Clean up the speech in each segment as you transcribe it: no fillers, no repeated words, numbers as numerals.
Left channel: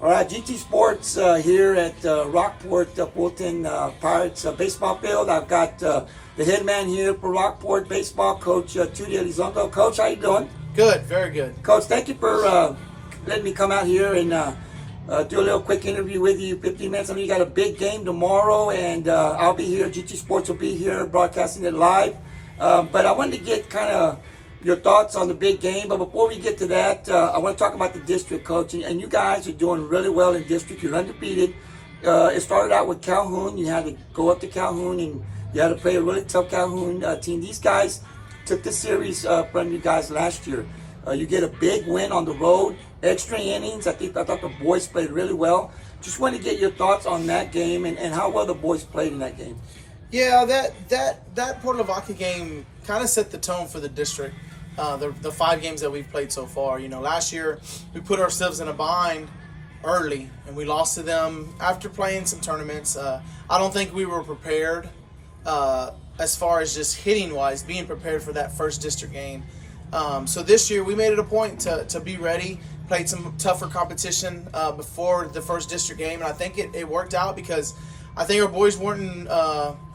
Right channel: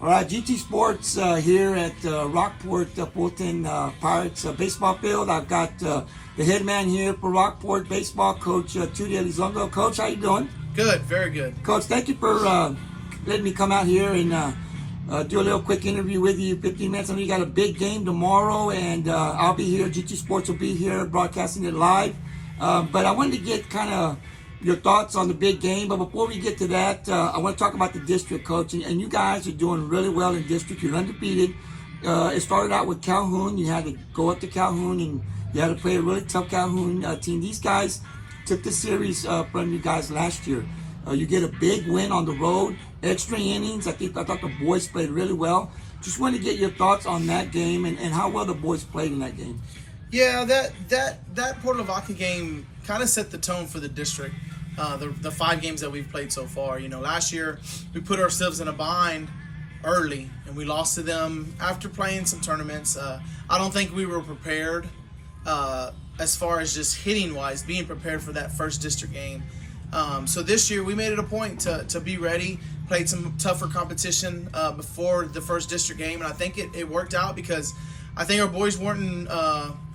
All right, GT Sports here at Rockport-Fulton Pirates baseball field. I've got the head man here for Rockport baseball, Coach Arturo Elizondo. Coach, how you doing? Good, very good. Coach, thank you for letting me come out here and do a little quick interview with you, 15 minutes. I know you got a big game tomorrow, and I'll be here. GT Sports will be here broadcasting it live. But I wanted to get kind of your thoughts on the big game. But before we get to that, I want to talk about the district, Coach. And you guys are doing really well in district. You're undefeated. It started out with Calhoun. You had to go up to Calhoun, and you had to play a really tough Calhoun team. These guys took the series from you guys last year. You get a big win on the road, extra innings. I thought the boys played really well. Just want to get your thoughts on that game and how well the boys played in that game. Yeah, that Port Lavaca game kind of set the tone for the district. The 5 games that we've played so far. You know, last year we put ourselves in a bind early, and we lost to them after playing some tournaments. I don't think we were prepared as far as just hitting wise, being prepared for that first district game. So this year we made it a point to be ready, played some tougher competition before the first district game, and I think it worked out because I think our boys weren't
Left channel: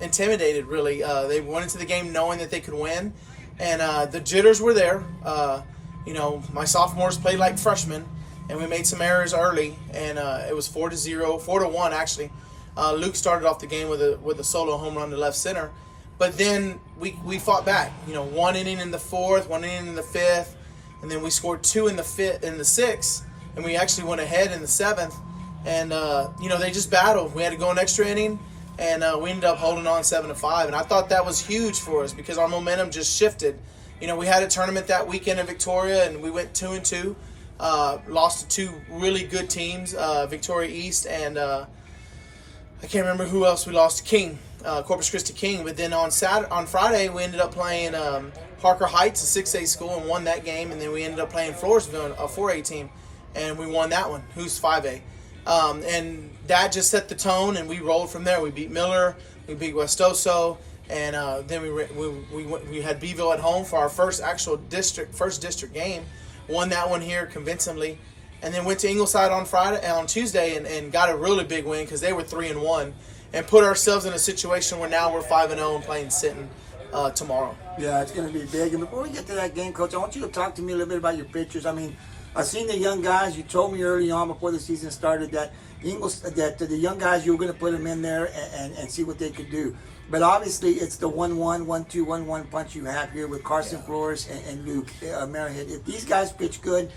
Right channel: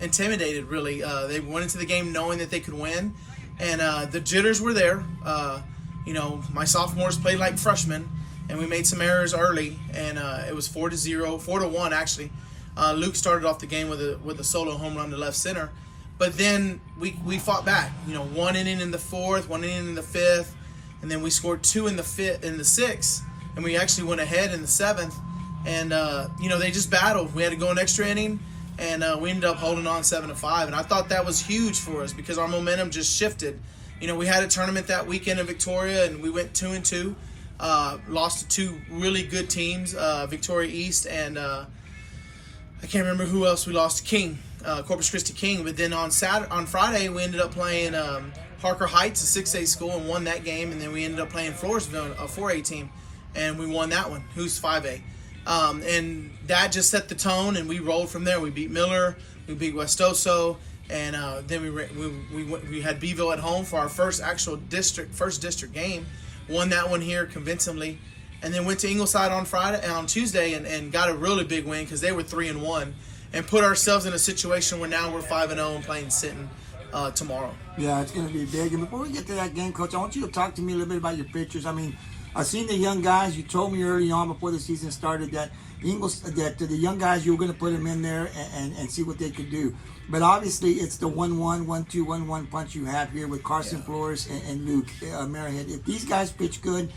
intimidated, really. They went into the game knowing that they could win, and the jitters were there. You know, my sophomores played like freshmen, and we made some errors early, and it was 4-1 actually. Luke started off the game with a solo home run to left center, but then we fought back. You know, 1 inning in the 4th, 1 inning in the 5th, and then we scored 2 in the 6th, and we actually went ahead in the 7th. And, you know, they just battled. We had to go an extra inning, and we ended up holding on 7-5. And I thought that was huge for us because our momentum just shifted. You know, we had a tournament that weekend in Victoria, and we went 2-2. Lost to 2 really good teams, Victoria East and I can't remember who else we lost to, King, Corpus Christi King. But then on Friday, we ended up playing Parker Heights, a 6A school, and won that game. And then we ended up playing Floresville, a 4A team, and we won that one, who's 5A. And that just set the tone, and we rolled from there. We beat Miller, we beat Westoso, and then we had Beeville at home for our first district game. Won that one here convincingly, and then went to Ingleside on Tuesday, and got a really big win because they were 3-1, and put ourselves in a situation where now we're 5-0 and playing Sinton tomorrow. Yeah, it's going to be big. And before we get to that game, Coach, I want you to talk to me a little bit about your pitchers. I mean, I've seen the young guys. You told me early on before the season started that the young guys, you were going to put them in there and see what they could do. But obviously, it's the 1-1, 1-2, 1-1 punch you have here with Carson Flores and Luke Merrihead. If these guys pitch good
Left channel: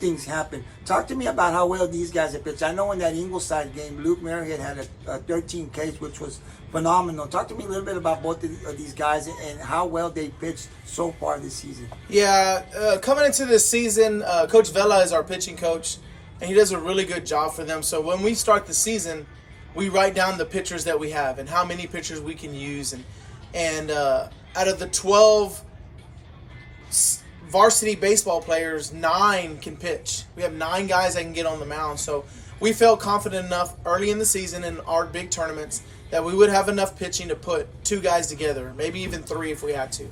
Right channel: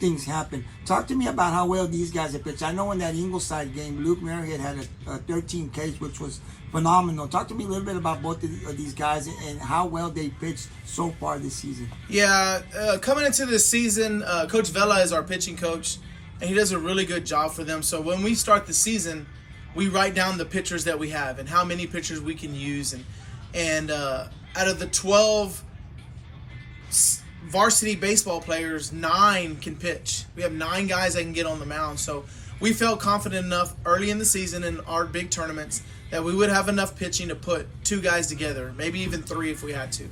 things happen. Talk to me about how well these guys have pitched. I know in that Ingleside game, Luke Merrihead had a 13 Ks, which was phenomenal. Talk to me a little bit about both of these guys and how well they pitched so far this season. Yeah, coming into this season, Coach Vela is our pitching coach, and he does a really good job for them. So when we start the season, we write down the pitchers that we have and how many pitchers we can use. And out of the 12 varsity baseball players, 9 can pitch. We have 9 guys that can get on the mound. So we felt confident enough early in the season in our big tournaments that we would have enough pitching to put 2 guys together, maybe even 3 if we had to.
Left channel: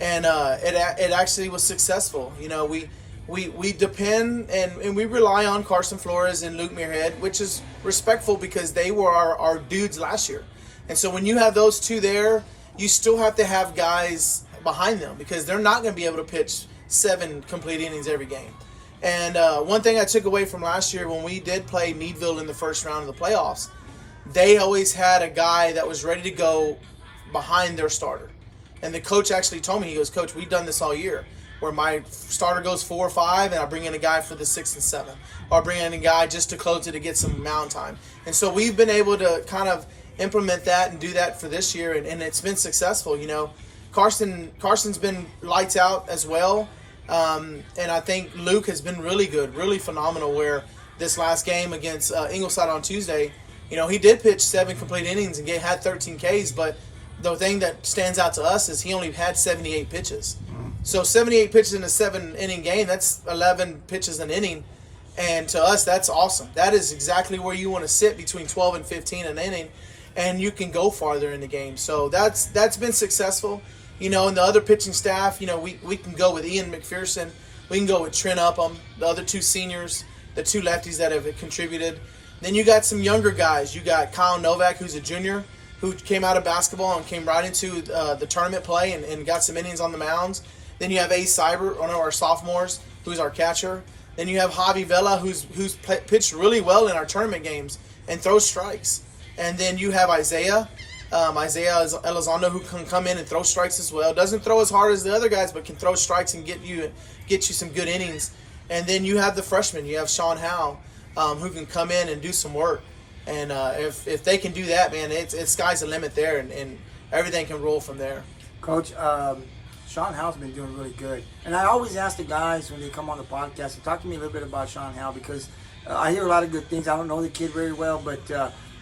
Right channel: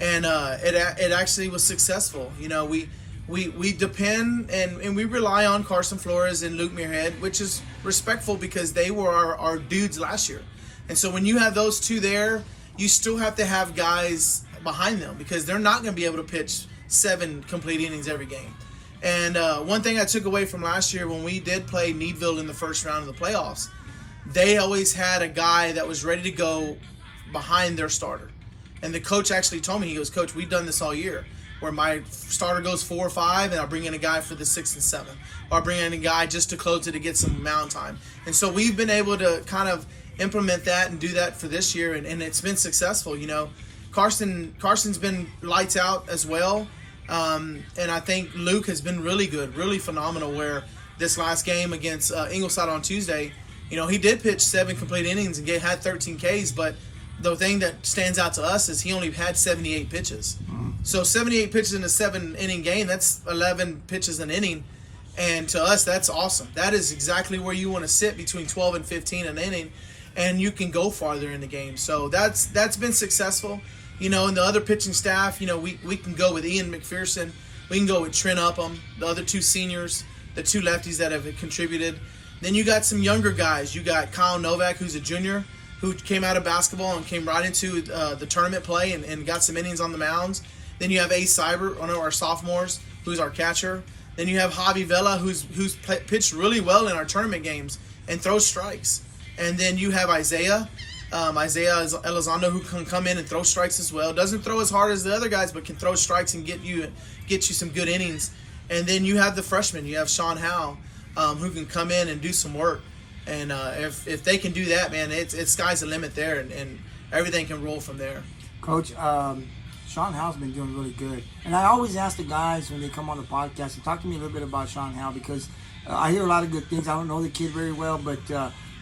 And it actually was successful. You know, we depend and we rely on Carson Flores and Luke Merrihead, which is respectful because they were our dudes last year. And so when you have those 2 there, you still have to have guys behind them because they're not going to be able to pitch 7 complete innings every game. And one thing I took away from last year when we did play Meadville in the first round of the playoffs, they always had a guy that was ready to go behind their starter. And the coach actually told me, he goes, "Coach, we've done this all year, where my starter goes 4 or 5, and I bring in a guy for the 6th and 7th, or I bring in a guy just to close it to get some mound time." And so we've been able to kind of implement that and do that for this year, and it's been successful. You know, Carson's been lights out as well, and I think Luke has been really good, really phenomenal. Where this last game against Ingleside on Tuesday, you know, he did pitch 7 complete innings and had 13 Ks, but the thing that stands out to us is he only had 78 pitches. So 78 pitches in a 7-inning game, that's 11 pitches an inning. And to us, that's awesome. That is exactly where you want to sit, between 12 and 15 an inning, and you can go farther in the game. So that's been successful. You know, and the other pitching staff, you know, we can go with Ian McPherson. We can go with Trent Upham, the other 2 seniors. the two lefties that have contributed. Then you got some younger guys. You got Kyle Novak, who's a junior, who came out of basketball and came right into the tournament play and got some innings on the mounds. Then you have Ace Cyber, one of our sophomores, who's our catcher. Then you have Javi Vela, who's pitched really well in our tournament games and throws strikes. And then you have Isaiah Elizondo, who can come in and throw strikes as well. Doesn't throw as hard as the other guys, but can throw strikes and get you some good innings. And then you have the freshman. You have Sean Howe, who can come in and do some work. And if they can do that, man, it's sky's the limit there, and everything can roll from there. Coach, Sean Howe's been doing really good. And I always ask the guys when they come on the podcast to talk to me a little bit about Sean Howe, because I hear a lot of good things. I don't know the kid very well, but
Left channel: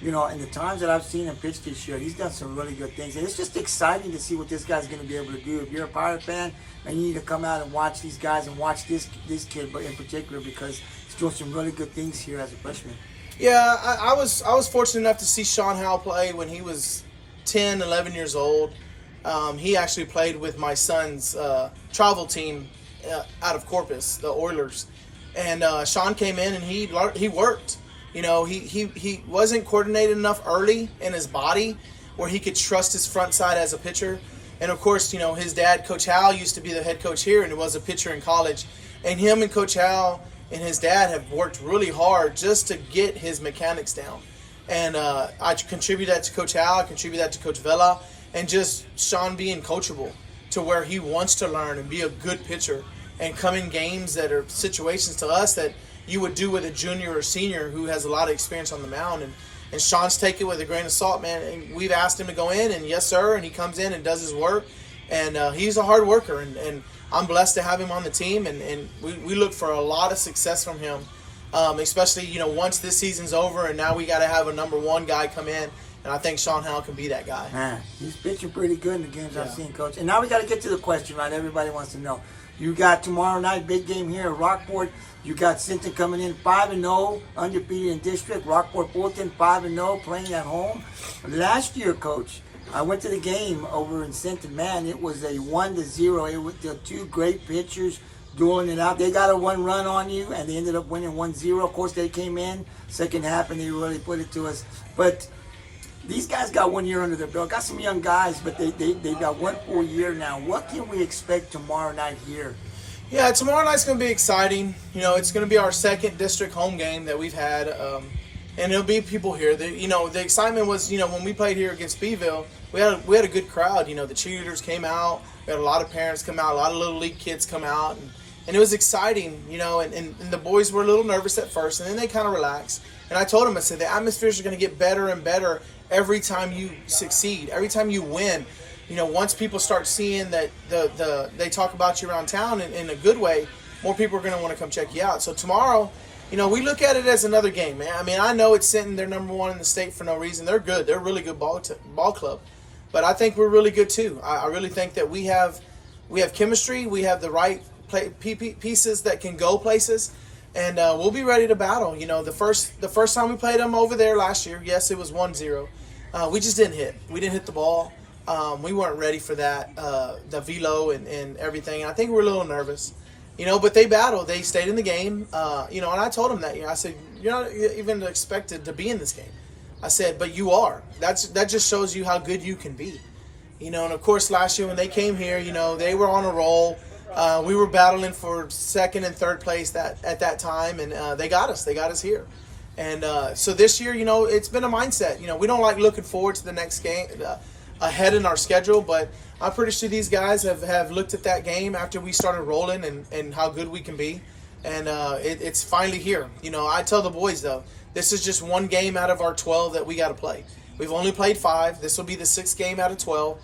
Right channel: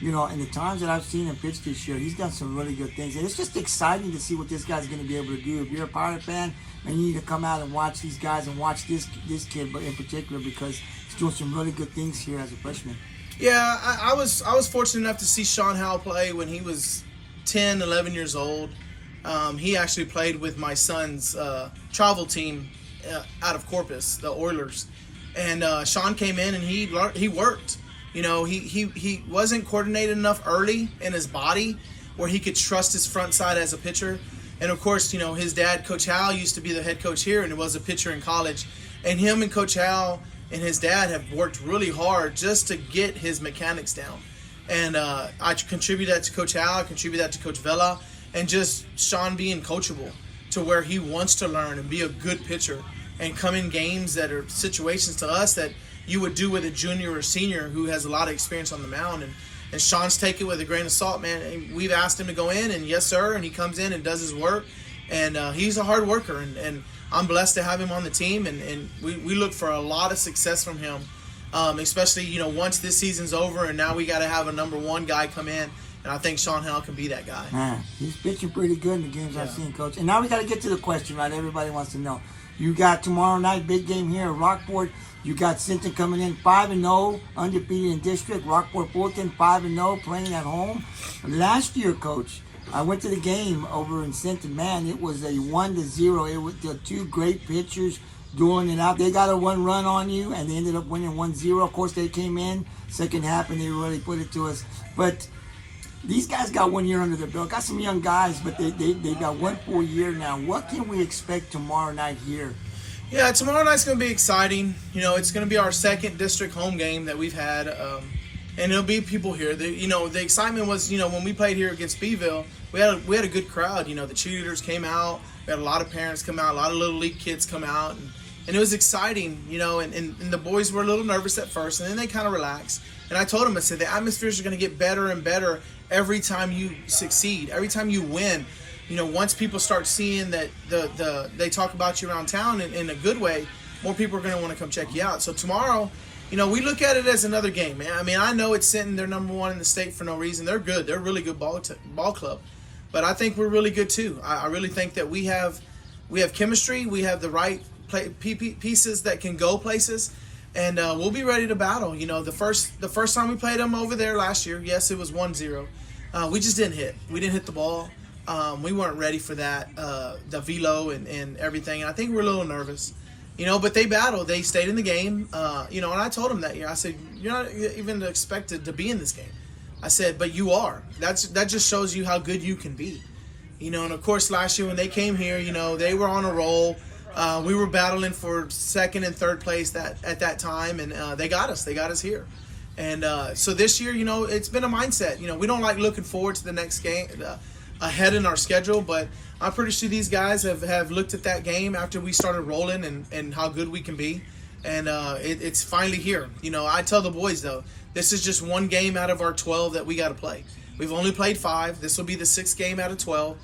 in the times that I've seen him pitch this year, he's done some really good things. And it's just exciting to see what this guy's going to be able to do. If you're a Pirate fan, and you need to come out and watch these guys and watch this kid in particular, because he's doing some really good things here as a freshman. Yeah, I was fortunate enough to see Sean Howe play when he was 10, 11 years old. He actually played with my son's travel team out of Corpus, the Oilers. And Sean came in and he worked. He wasn't coordinated enough early in his body where he could trust his front side as a pitcher. And of course, his dad, Coach Howe, used to be the head coach here and was a pitcher in college. And him and Coach Howe and his dad have worked really hard just to get his mechanics down. And I contribute that to Coach Howe, I contribute that to Coach Vela, and just Sean being coachable to where he wants to learn and be a good pitcher and come in games that are situations to us that you would do with a junior or senior who has a lot of experience on the mound. And Sean's take it with a grain of salt, man. And we've asked him to go in, and yes, sir, and he comes in and does his work. And he's a hard worker, and I'm blessed to have him on the team, and we look for a lot of success from him, especially, once this season's over, and now we got to have a number one guy come in, and I think Sean Howe can be that guy. Man, he's pitching pretty good in the games I've seen, Coach. And now we got to get to the question, right? Everybody wants to know. You got tomorrow night, big game here at Rockport. You got Sinton coming in 5-0, undefeated in district. Rockport-Fulton 5-0, playing at home. Last year, Coach, I went to the game over in Sinton. Man, it was a 1-0. It was the two great pitchers dueling it out. They got a 1 run on you, and they ended up winning 1-0. Of course, they came in second half, and they really put it to us. But these guys got 1 year under their belt. Got some young guys, but they got 1 full year now. What can we expect tomorrow night here? Yeah, tomorrow night's going to be exciting. It's going to be our second district home game that we've had, and there'll be people here. The excitement was, when we played here against Beeville, we had a good crowd. The cheerleaders came out. We had a lot of parents come out. A lot of little league kids come out, and it was exciting. And the boys were a little nervous at first, and then they kind of relaxed. And I told them, I said, the atmospheres are going to get better and better every time you succeed, every time you win. Once people start seeing that they talk about you around town in a good way, more people are going to want to come check you out. So tomorrow, we look at it as another game, man. I mean, I know it's Sinton. They're number one in the state for no reason. They're good. They're a really good ball club. But I think we're really good too. I really think that we have chemistry. We have the right pieces that can go places, and we'll be ready to battle. The first time we played them over there last year, yes, it was 1-0. We just didn't hit. We didn't hit the ball. We weren't ready for that, the velo and everything. And I think we're a little nervous, but they battled. They stayed in the game, and I told them that, I said, you're not even expected to be in this game. I said, but you are. That just shows you how good you can be, and of course last year when they came here, they were on a roll. We were battling for second and third place at that time, and they got us here. And so this year, it's been a mindset. We don't like looking forward to the next game ahead in our schedule, but I'm pretty sure these guys have looked at that game after we started rolling and how good we can be, and it's finally here. I tell the boys, though, this is just one game out of our 12 that we got to play. We've only played 5. This will be the 6th game out of 12.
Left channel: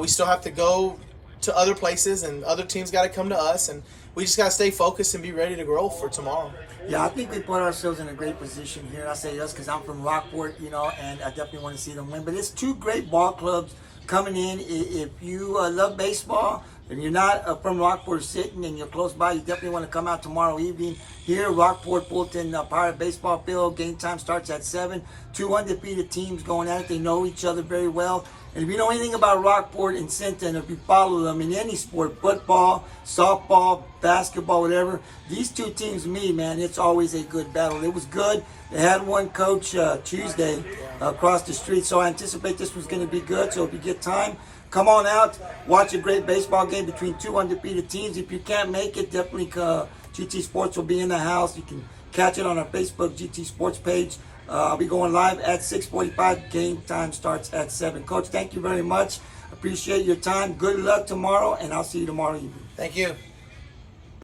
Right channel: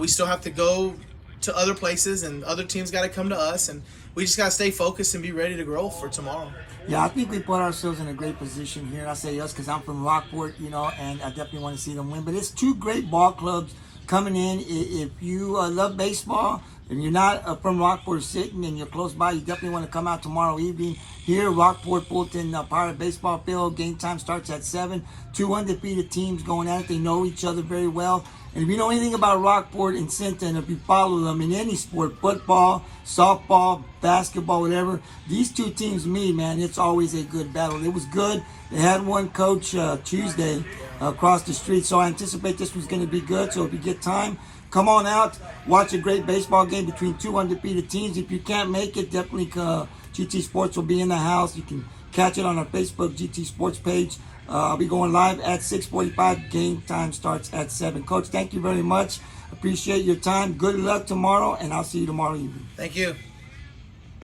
We still have to go to other places, and other teams got to come to us, and we just got to stay focused and be ready to grow for tomorrow. Yeah, I think we put ourselves in a great position here. I say us because I'm from Rockport, and I definitely want to see them win. But it's 2 great ball clubs coming in. If you love baseball and you're not from Rockport Sinton and you're close by, you definitely want to come out tomorrow evening here, Rockport-Fulton Pirate Baseball Field. Game time starts at 7. 2 undefeated teams going at it. They know each other very well. And if you know anything about Rockport and Sinton, if you follow them in any sport, football, softball, basketball, whatever, these two teams meet, man, it's always a good battle. It was good. They had one coach Tuesday across the street, so I anticipate this one's going to be good. So if you get time, come on out, watch a great baseball game between two undefeated teams. If you can't make it, definitely GT Sports will be in the house. You can catch it on our Facebook GT Sports page. I'll be going live at 6:45. Game time starts at 7. Coach, thank you very much. Appreciate your time. Good luck tomorrow, and I'll see you tomorrow evening. Thank you.